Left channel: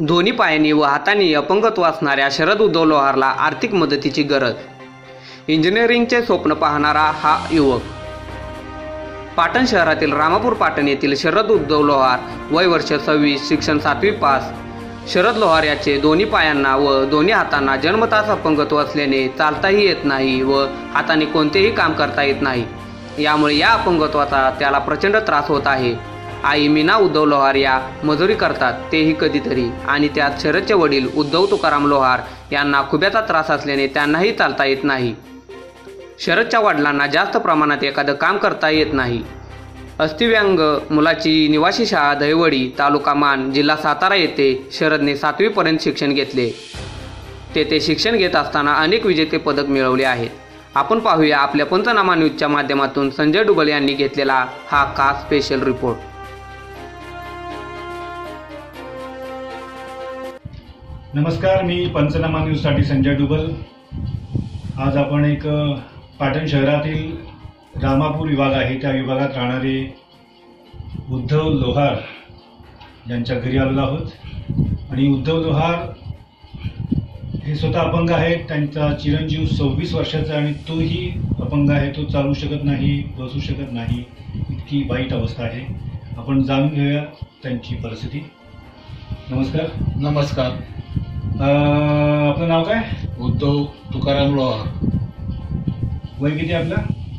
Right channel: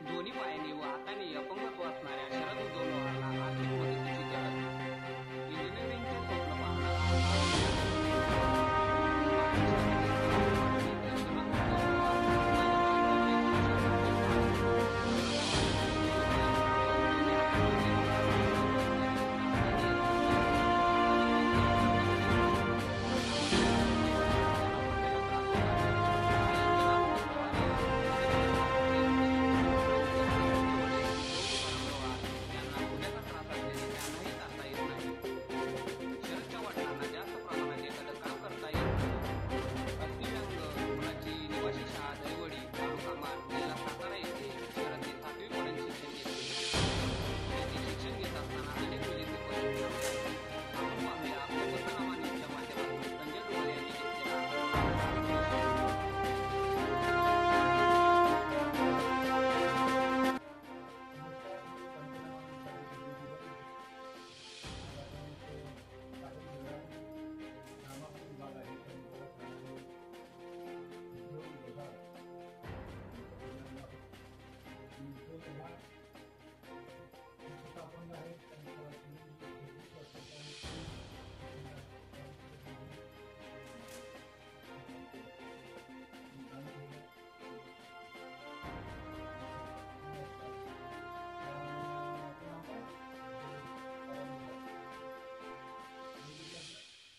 दोन्ही पायांनी व हातांनी अपंगत्व असणाऱ्या शरद उद्धव लोहारला आर्थिक मदतीची गरज। इंजिनिअरिंगचे स्वप्न पाहणारा हा युवक। पाटण शहरातील रामापूर पाटण येथील शरद उद्धव लोहार, वय वर्ष 26, शिक्षण 7वी पास। शरद लोहार याचे दोन्ही पायांना व दोन्ही हातांना जन्मताच अपंगत्व असल्याने चालताही येत नाही व हाताने कोणतेही काम करता येत नाही। यामुळे या अपंगत्वाचा त्याला प्रचंड त्रास होत आहे। आई मीना उद्धव लोहार या मजुरी करतात, तेही कधीतरी, आणि त्यात शरदचे वडील उद्धव तुकाराम लोहार यांना खुब्याचा त्रास असल्याने त्यांनाही चालता येत नाही। शरदच्या वडिलांना जास्त प्रमाणात एखादं काम करता येत नाही। अस्थिव्यंग मुलाची निवासी शाळा दहिवडी, तालुका मान, जिल्हा सातारा येथे शरदने 7वी पर्यंत शिक्षण घेतले। तेथे शिक्षण घेत असताना अनेक विजेते पदक मिळवले आहेत। आपण पाहूया आपल्या पंचनामा न्यूजच्या माध्यमातून संजय डुबल यांनी घेतलेला हा खास स्पेशल रिपोर्ट। नमस्कार, मी पंचनामा न्यूजसाठी संजय डुबल। आज आपण एक पाटण शहरातील रामापूर विभाग आहे त्या विभागात राहणारे उद्धव लोहार यांच्या घरी आलेलो आहोत। आणि उद्धव लोहार हे स्वतः अपंग आहेत। त्यांचा चिरंजीव 26 वर्षाचा आणि तोही अपंग आहे। तो चालू शकत नाही, बसू शकत नाही, इतकी वाईट अवस्था आहे। आपण जाणून घेऊया त्यांची परिस्थिती। नमस्कार। नमस्कार। आपलं नाव काय? उद्धव तुकाराम लोहार। वय किती आपलं?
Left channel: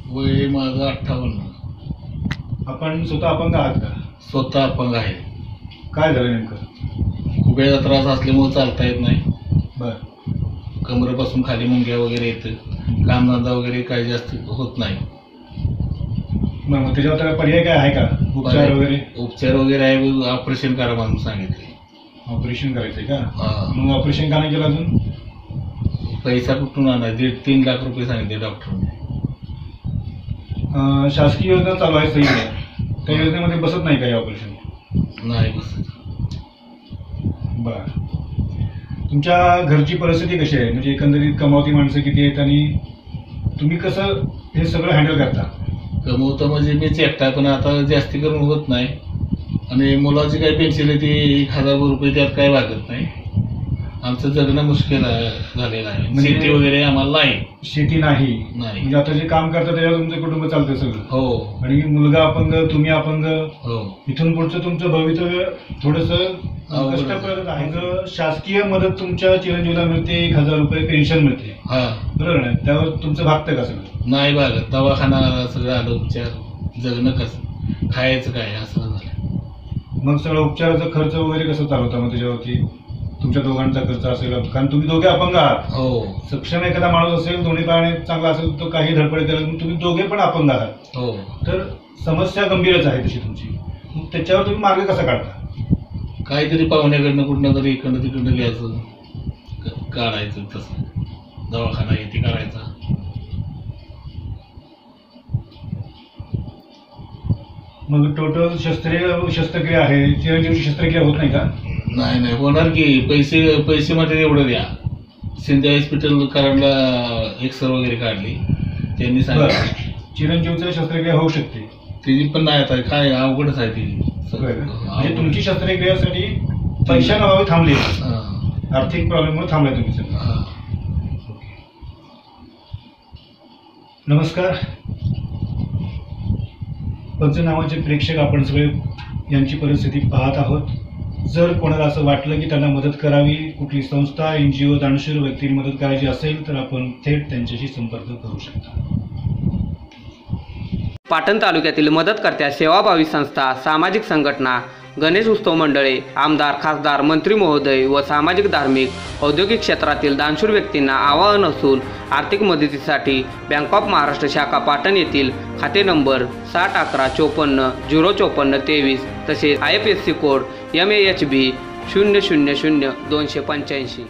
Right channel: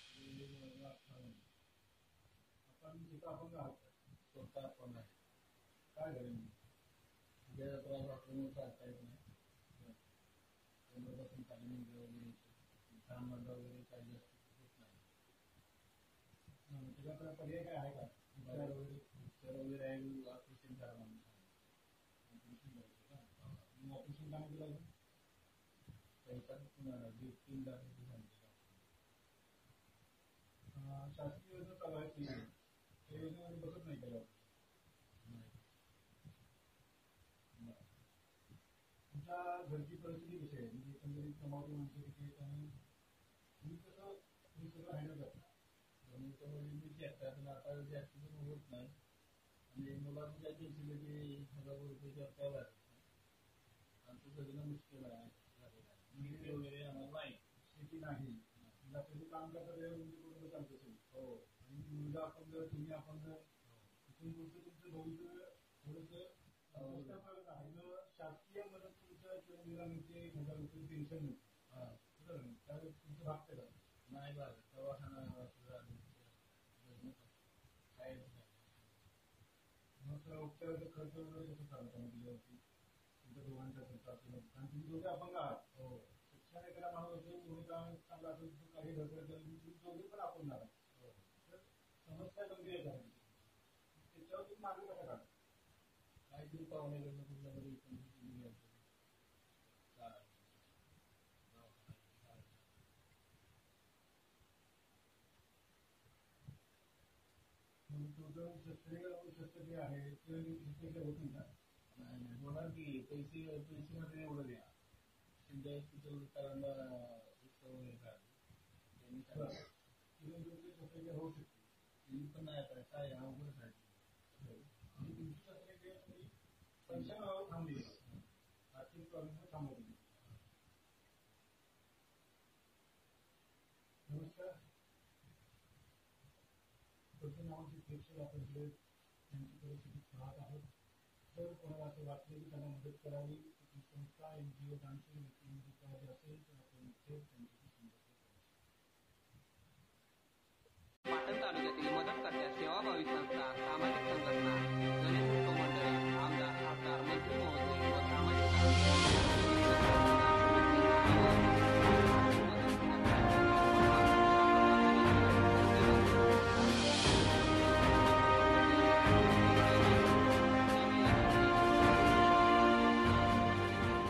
वय माझं 58। आपण स्वतः अपंग आहात का? स्वतः अपंग आहे। काय झालं नेमकं? खुब्याचा त्रास असल्यामुळे चालता येत नाही। बरं। कमरेपासून खाली मुंग्या वगैरे येतं, कामधंदा वगैरे काही जास्त होत नाही। मग त्याच्यावर त्याला पर्याय काय आहे का? उपचार वगैरे? उपचार वगैरे आहे, ऑपरेशन करा म्हणून सांगितले। ऑपरेशन करायचंय का? हां। मग ऑपरेशन का नाही केलं अजून? पैसा कुठून आणायचा? 1.5-3 लाख रुपये सांगितले डॉक्टरने। शासकीय योजना चालू आहे सही आहे, त्या योजनेमध्ये बसत नाही का हे ऑपरेशन? नाही बसत। बरं। तुमच्या घरची परिस्थिती कशी आहे? म्हणजे एकंदरीत कमावती माणसं किती आहेत आणि तुम्ही कसं हे सगळं हँडल करता? कमवतं म्हणजे मीच एकटा, पण आता जास्ती करून होत नाही। आणि मुलाची काही पेन्शन आहे ती 1000 रुपये, त्यात काही भागत नाही। आमचं जगणं मुश्किल झालेलं आहे। म्हणजे शेती वगैरे आम्हाला नाही। शेती नाही? नाही। म्हणजे आता जे काम करता त्याच्यावर तुमचं कुटुंब चालतं सगळं? हो। आणि मुलगा अपंग, तुम्ही अपंग, हो। इथून पुढचं तुमचं भवितव्य थोडंसं कष्टप्रद आहे। शासकीय मदत तुमच्या चिरंजीवला मिळते, 1000 रुपये पेन्शन मिळते, बरोबर ना? त्यावर तुमचं भागतं का सगळं? नाही भागत। दवाखाना सगळं आलं, उपचार, जगणं कसं, खायचं काय, असं झालं। मग सगळं उपचाराचा खर्च वगैरे कसं चालवता मग त्याच्यावरती? तुमच्या दोघांचा खर्च असेल, कारण तुम्ही दोघे अपंग आहात। हो। सक्षम एखादा माणूस असेल, दोन्ही पायाने चांगला असेल, तो काही धडपड करेल, तुम्ही दोघे पण अपंग आहात। हो। तर समस्या गंभीरच आहे तशी तुमची। मग त्याच्यावर तुम्ही मार्ग कसा काढता? काहीतरी पाहुण्याकडनं कुठनं तरी इकडनं तिकडनं घ्यायचं, काढायचं, तसं दवाखाना येते करायचा। मग टोटल शस्त्रक्रिया आहे, चिरंजीवची शस्त्रक्रिया होत नाही का? नाही नाही होणार की। पैसे मध्ये एवढं द्या। शिंदे हॉस्पिटल कराडला एक्सरे वगैरे काढली, त्यांनी सांगितलं चिरंजीवचं शस्त्रक्रिया होऊ शकते। तिची पण नाही, आता काय अवघडच आहे ती। म्हणजे तुमची शस्त्रक्रियासाठी पैशांअभावी थांबली, आर्थिक प्रॉब्लेममुळे थांबलाय तुम्ही सगळं। नमस्कार पंचनामाचे प्रेक्षक, आपण सगळे यांची परिस्थिती पाहत आहोत। जर कोणाला असं वाटलं की त्यांना मदत करावी, कुठली संस्था, NGO, दानशूर व्यक्तींनी मदत करायची असेल तर आपण थेट त्यांच्याशी संपर्क करू शकता। पाटण तालुक्यातील मदतकर्त्या सेवाभावी संस्था, सामाजिक संघटना, गणेश उत्सव मंडळे, आमदार, खासदार, मंत्री महोदय व सामाजिक, धार्मिक, औद्योगिक क्षेत्रातील दानशूर व्यक्तींना आवाहन असून आर्थिक मदतीसाठी बँक ऑफ महाराष्ट्र शाखा पाटण येथील खाते नंबर 6011540053 तसेच IFSC कोड MAHB 000285